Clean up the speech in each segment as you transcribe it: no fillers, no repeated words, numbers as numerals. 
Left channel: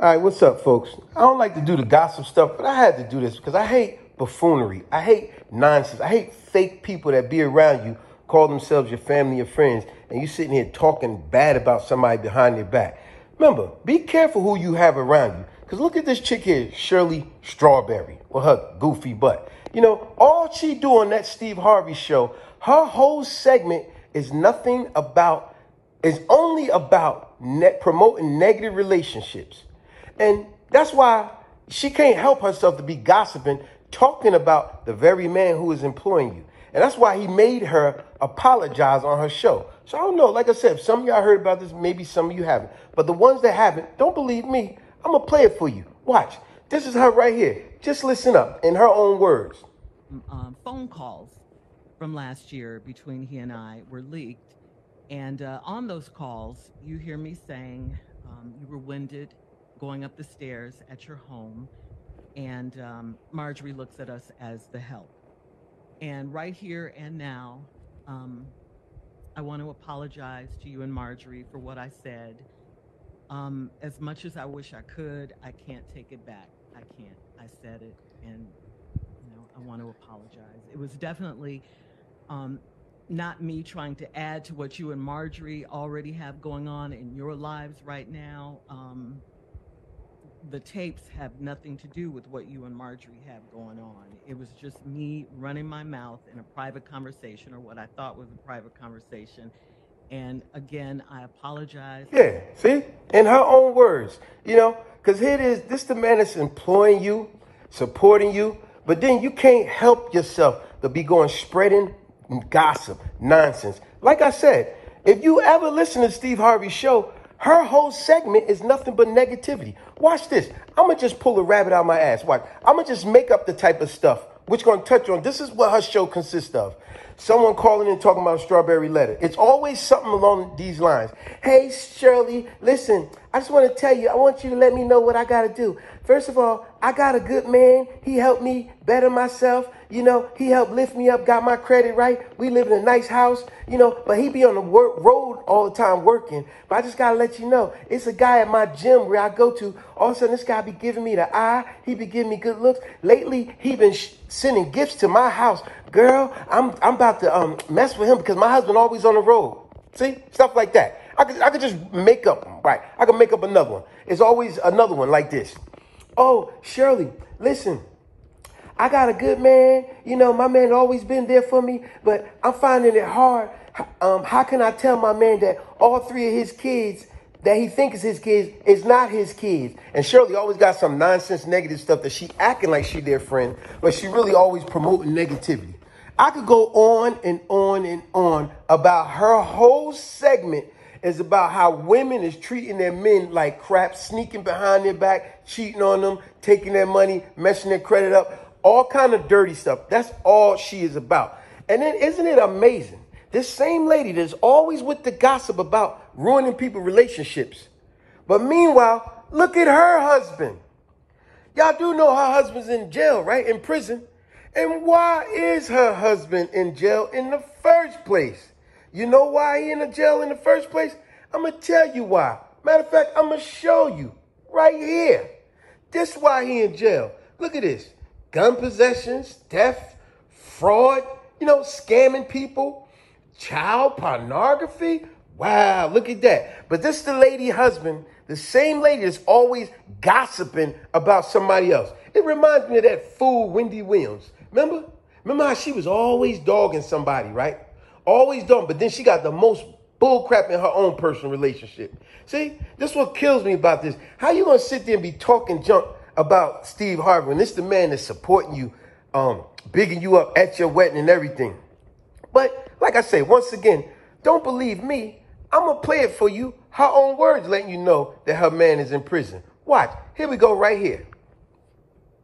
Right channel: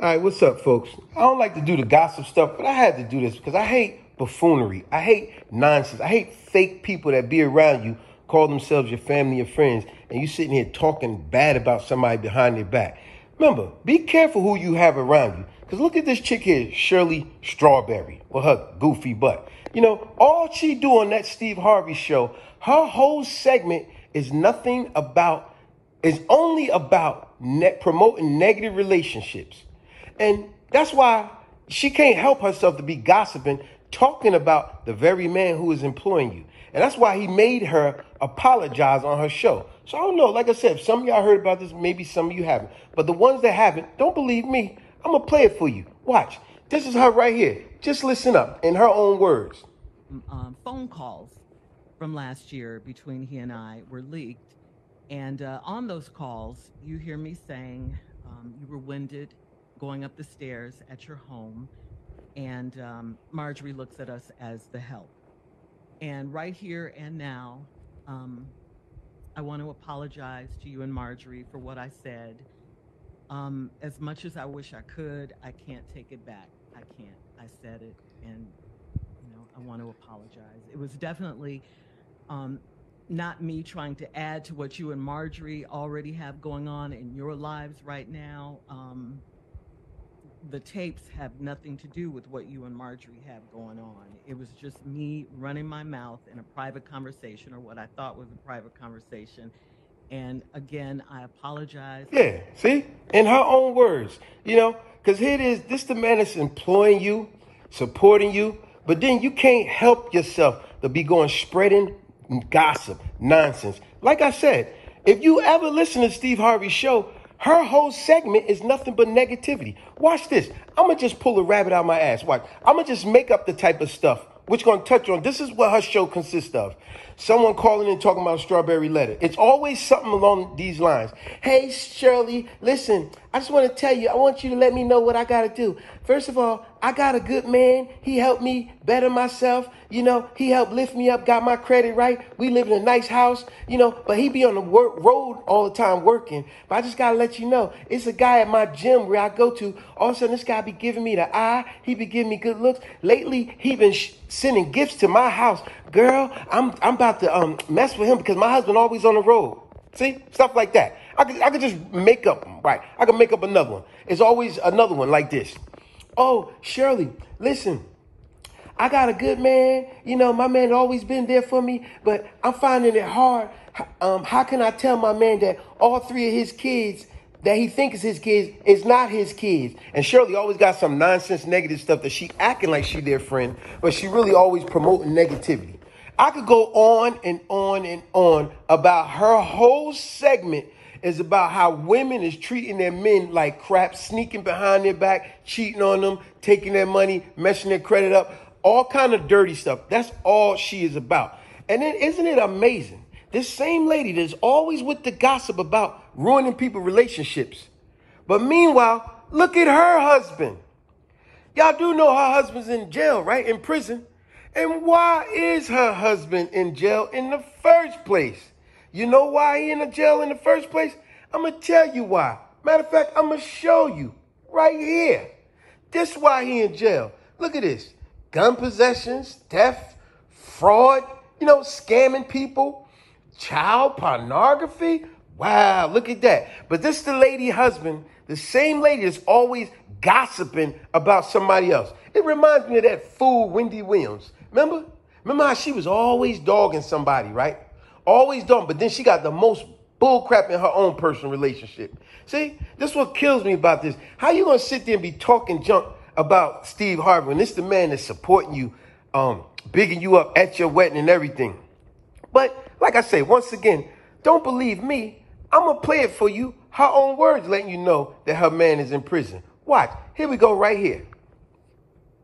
All right, what's up, folks? I don't like to do the gossip stuff, but I had to do this because I hate buffoonery. I hate nonsense. I hate fake people that be around you, call themselves your family or friends, and you sitting here talking bad about somebody behind their back. Remember, be careful who you have around you. Because look at this chick here, Shirley Strawberry, with her goofy butt. You know, all she do on that Steve Harvey show, her whole segment is only about promoting negative relationships. And that's why she can't help herself to be gossiping, talking about the very man who is employing you. And that's why he made her apologize on her show. So I don't know. Like I said, if some of y'all heard about this, maybe some of you haven't. But the ones that haven't, don't believe me. I'm going to play it for you. Watch. This is her right here. Just listen up in her own words. Phone calls from last year between he and I were leaked. And on those calls, you hear me saying you were winded going up the stairs at your home, and Marjorie looks at us as the help. And right here and now, I want to apologize to you and Marjorie for what I said. As much as I wish I could, I can't take it back. I can't. I said it, and I want to apologize. It was definitely not me trying to add to what you and Marjorie already have going on in your lives right now. The tapes have nothing to do with what you and Marjorie have going on. It was just me running my mouth in a private conversation, or what I thought was a private conversation. And again, I apologize. Yeah, see? In her own words, because here it is, this the man that's employing you, supporting you, but then you can't help yourself to be going spreading gossip, nonsense. Like I said, if you ever listen to Steve Harvey's show, her whole segment is nothing but negativity. Watch this. I'm going to just pull a rabbit out of my ass. Watch. I'm going to just make up the type of stuff which going to touch on. This is what her show consists of. Someone calling in talking about a strawberry letter. It's always something along these lines. Hey, Shirley, listen, I just want to tell you, I want you to let me know what I got to do. First of all, I got a good man. He helped me better myself. He helped lift me up, got my credit right. We live in a nice house, but he be on the road all the time working. But I just got to let you know, it's a guy at my gym where I go to. All of a sudden, this guy be giving me the eye. He be giving me good looks. Lately, he been sending gifts to my house. Girl, I'm about to mess with him because my husband always on the road. See? Stuff like that. I could just make up, right? I could make up another one. It's always another one like this. Oh, Shirley, listen, I got a good man. My man always been there for me, but I'm finding it hard. How can I tell my man that all three of his kids that he thinks is his kids is not his kids? And Shirley always got some nonsense negative stuff that she acting like she their friend, but she really always promoting negativity. I could go on and on and on about her whole segment is about how women is treating their men like crap, sneaking behind their back, cheating on them, taking their money, messing their credit up, all kind of dirty stuff. That's all she is about. And then isn't it amazing? This same lady that's always with the gossip about ruining people's relationships. But meanwhile, look at her husband. Y'all do know her husband's in jail, right? In prison. And why is her husband in jail in the first place? You know why he in the jail in the first place? I'm going to tell you why. Matter of fact, I'm going to show you right here. This is why he in jail. Look at this. Gun possessions, theft, fraud, scamming people, child pornography. Wow, look at that. But this is the lady husband, the same lady that's always gossiping about somebody else. It reminds me of that fool Wendy Williams. Remember how she was always dogging somebody, right? Always dogging, but then she got the most bull crap in her own personal relationship. See, this is what kills me about this. How you going to sit there and be talking junk about Steve Harvey when this the man that's supporting you, bigging you up at your wedding and everything? But like I say, once again, don't believe me. I'm going to play it for you. Her own words letting you know that her man is in prison. Watch. Here we go right here.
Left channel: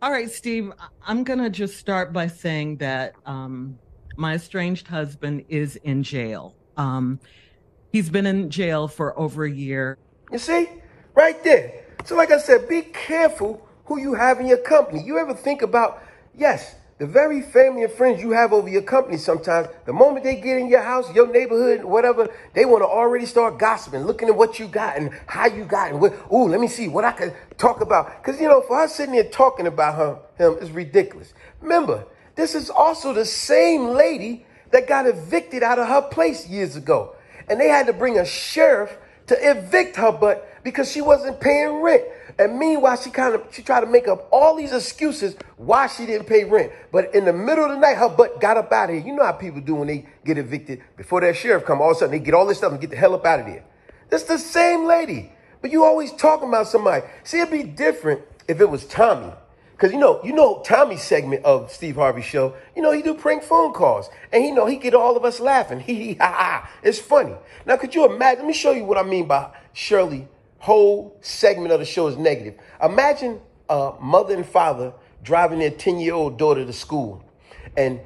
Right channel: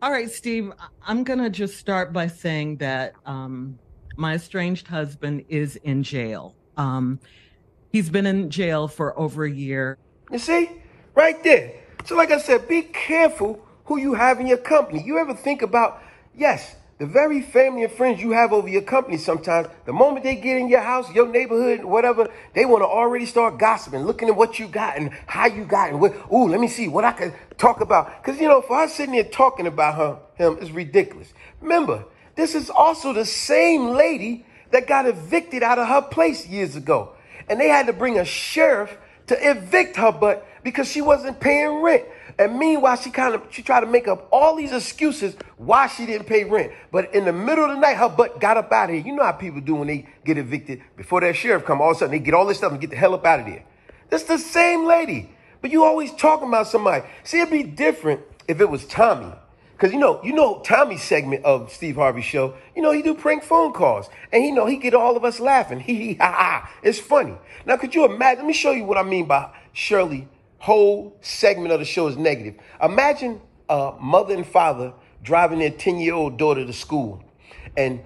All right, Steve, I'm going to just start by saying that my estranged husband is in jail. He's been in jail for over a year. You see? Right there. So like I said, be careful who you have in your company. You ever think about, yes, The very family and friends you have over your company sometimes, the moment they get in your house, your neighborhood, whatever, they want to already start gossiping, looking at what you got and how you got and ooh, let me see what I can talk about. Because, you know, for her sitting there talking about him is ridiculous. Remember, this is also the same lady that got evicted out of her place years ago. And they had to bring a sheriff to evict her butt because she wasn't paying rent. And meanwhile, she tried to make up all these excuses why she didn't pay rent. But in the middle of the night, her butt got up out of here. You know how people do when they get evicted. Before that sheriff come, all of a sudden they get all this stuff and get the hell up out of there. That's the same lady. But you always talking about somebody. See, it'd be different if it was Tommy. Because, you know, Tommy's segment of Steve Harvey's show, you know, he do prank phone calls. And, he get all of us laughing. Ha, ha. It's funny. Now, could you imagine? Let me show you what I mean by Shirley. Whole segment of the show is negative. Imagine a mother and father driving their 10-year-old daughter to school. And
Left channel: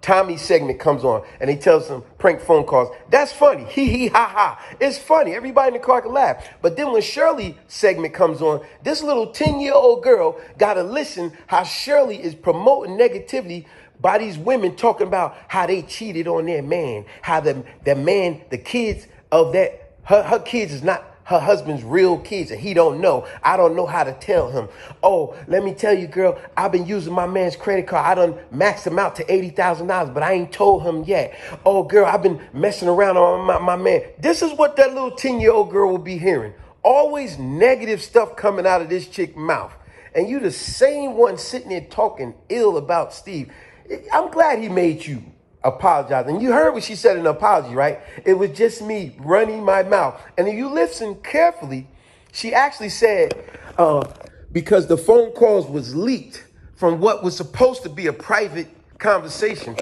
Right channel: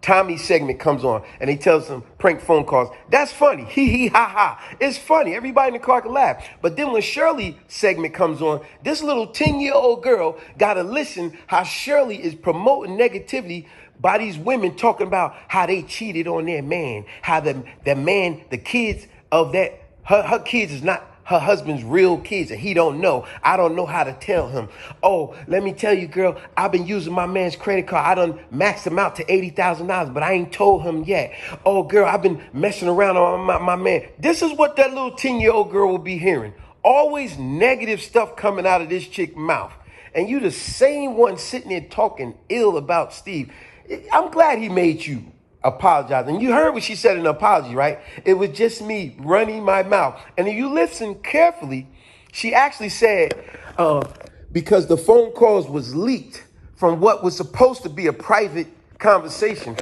Tommy's segment comes on and he tells them prank phone calls. That's funny. Ha, ha. It's funny. Everybody in the car can laugh. But then when Shirley's segment comes on, this little 10-year-old girl got to listen how Shirley is promoting negativity by these women talking about how they cheated on their man, how the man, the kids of that, her kids is not her husband's real kids, and he don't know. I don't know how to tell him. Oh, let me tell you, girl, I've been using my man's credit card. I done maxed him out to $80,000, but I ain't told him yet. Oh, girl, I've been messing around on my man. This is what that little 10-year-old girl will be hearing. Always negative stuff coming out of this chick's mouth. And you the same one sitting there talking ill about Steve. I'm glad he made you apologize. And you heard what she said in the apology, right? It was just me running my mouth. And if you listen carefully, she actually said, because the phone calls was leaked from what was supposed to be a private conversation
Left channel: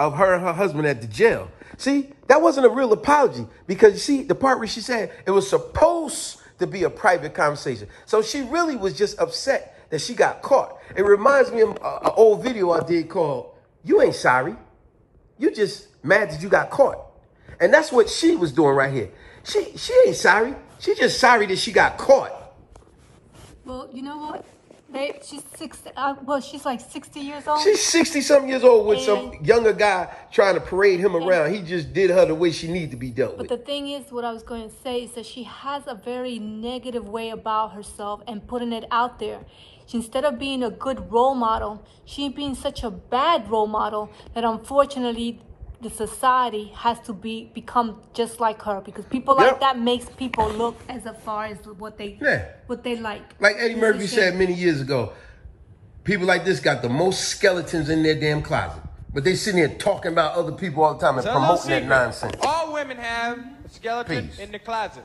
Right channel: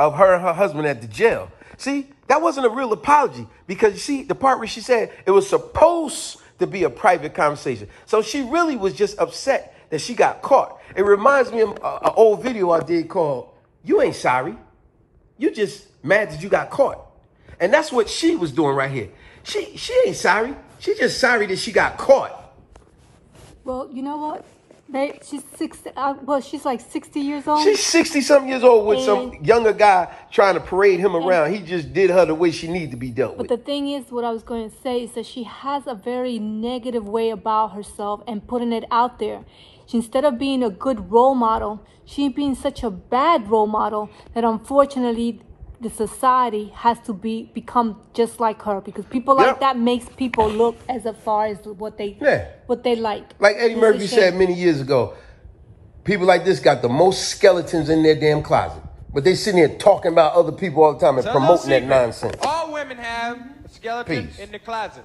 of her and her husband at the jail. See, that wasn't a real apology because, see, the part where she said it was supposed to be a private conversation. So she really was just upset that she got caught. It reminds me of an old video I did called, You Ain't Sorry. You just mad that you got caught. And that's what she was doing right here. She ain't sorry. She just sorry that she got caught. Well, you know what? She's 60. Well, she's like 60 years old. She's 60-something years old with some younger guy trying to parade him around. He just did her the way she needed to be dealt with. But the thing is, what I was going to say is that she has a very negative way about herself and putting it out there. Instead of being a good role model, she's being such a bad role model that unfortunately the society has to become just like her, because people like that makes people look as far as what they like. Like Eddie Murphy said many years ago, people like this got the most skeletons in their damn closet. But they sitting here talking about other people all the time and promoting that nonsense. All women have a skeleton in the closet.